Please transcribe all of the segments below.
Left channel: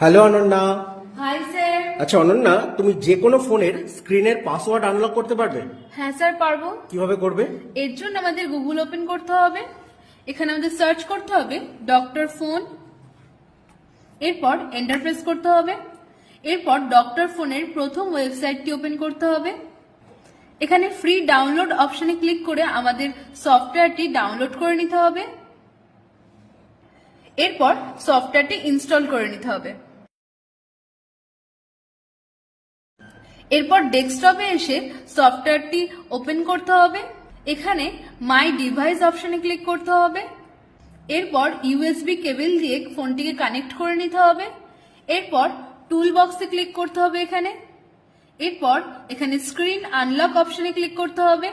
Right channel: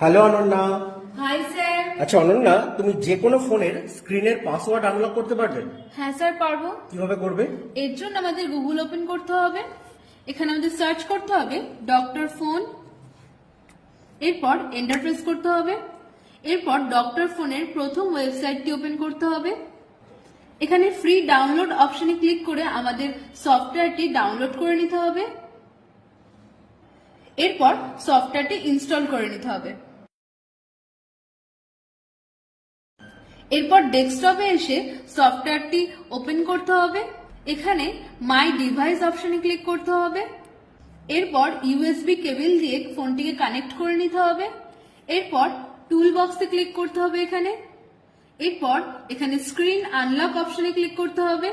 Hello Ananya. Hi sir. আচ্ছা অনন্যা, তুমি যে কোনো ফোনের স্ক্রিনের পাসওয়ার্ড আনলক করতে পারবে? হ্যাঁ স্যার পারবো। কিভাবে করবে? এর জন্য আমাদের গুগল ওপেন করতে হবে। এখানে আমাদের সার্চ করতে হবে ডক্টর ফোন, এরপর এন্টার প্রেস করতে হবে। এরপর ডক্টর ফোনের প্রথম ওয়েবসাইটটি ওপেন করতে হবে। এখানে ফ্রি ডাউনলোড অপশনে ক্লিক করে আমাদের সফটওয়্যারটি ডাউনলোড করে নিতে হবে। এরপর সফটওয়্যারটি ইনস্টল করে নিতে হবে। এরপর ডেস্কটপে এসে সফটওয়্যারটি ওপেন করতে হবে। এখানে মাই ডিভাইস অপশনে ক্লিক করতে হবে। এরপর ইউএসবি কেবল দিয়ে ফোনটিকে কানেক্ট করে নিতে হবে। এরপর টুল বক্সে ক্লিক করতে হবে। এরপর এখানে স্ক্রিন আনলক অপশনে ক্লিক করতে হবে।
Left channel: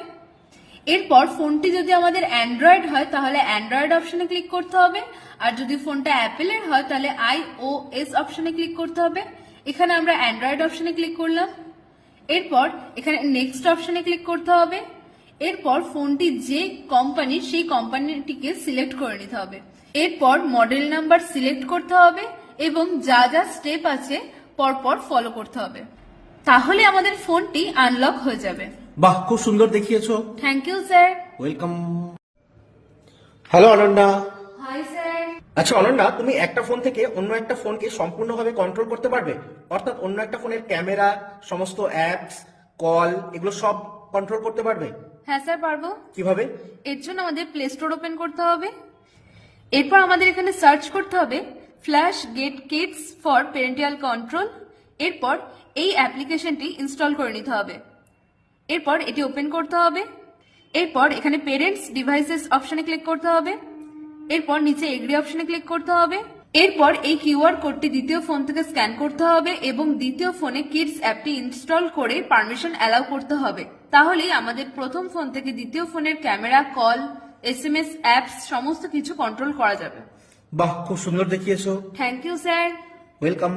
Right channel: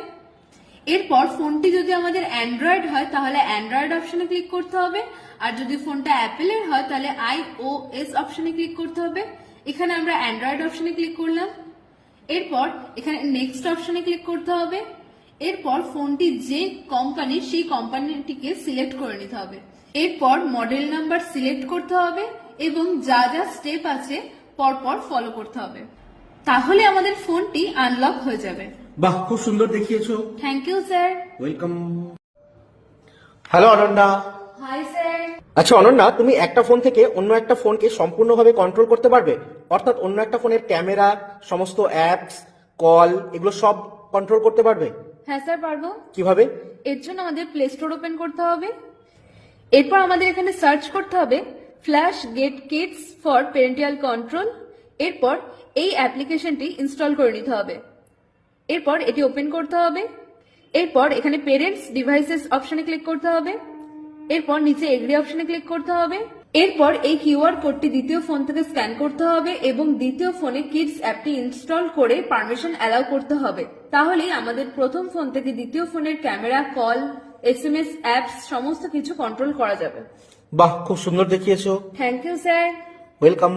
এরপর ফোনটি যদি আমাদের অ্যান্ড্রয়েড হয় তাহলে অ্যান্ড্রয়েড অপশনে ক্লিক করতে হবে, আর যদি ফোনটা অ্যাপেলের হয় তাহলে iOS অপশনে ক্লিক করতে হবে। এখানে আমরা অ্যান্ড্রয়েড অপশনে ক্লিক করলাম। এরপর এখানে নেক্সট অপশনে ক্লিক করতে হবে। এরপর ফোনটি যে কোম্পানি সেই কোম্পানিটিকে সিলেক্ট করে নিতে হবে। এরপর মডেল নাম্বার সিলেক্ট করতে হবে এবং যা যা স্টেপ আছে পরপর ফলো করতে হবে, তাহলে আমাদের ফোনটি আনলক হয়ে যাবে। বাহ, খুব সুন্দর দেখিয়েছো। Thank you sir. Welcome. Hello Ananya. Hi sir. আচ্ছা অনন্যা, তুমি একটা ফোন থেকে অন্য একটা ফোনকে সম্পূর্ণভাবে কন্ট্রোল করতে পারবে? অর্থাৎ অন্য একটা ফোনের ক্যামেরা, সমস্ত অ্যাপস, কল, এগুলো সব কন্ট্রোল করতে পারবে? হ্যাঁ স্যার পারবো। কিভাবে? এর জন্য আমাদের প্লে স্টোর ওপেন করতে হবে। এরপর আমাদের এখানে সার্চ করতে হবে FlashGet Kids for parental control. এরপর এই অ্যাপ্লিকেশনটি ইনস্টল করে নিতে হবে। এরপর এটি ওপেন করতে হবে। এরপর এখানে পেরেন্টস ডিভাইসেস অপশনে ক্লিক করতে হবে। এরপর নিচে এগ্রি অপশনে ক্লিক করতে হবে। এরপর এই কিউআর কোডটি দ্বিতীয় ফোন থেকে স্ক্যান করতে হবে এবং দ্বিতীয় ফোনে কিডস অ্যাপটি ইনস্টল করে পারমিশন অ্যালাউ করতে হবে। তাহলেই আমাদের প্রথম ফোন থেকে দ্বিতীয় ফোনের ক্যামেরা, কল, এসএমএস, অ্যাপস সমস্ত কিছু কন্ট্রোল করা যাবে। বাহ, খুব সুন্দর দেখিয়েছো। Thank you sir. ওয়েলকাম।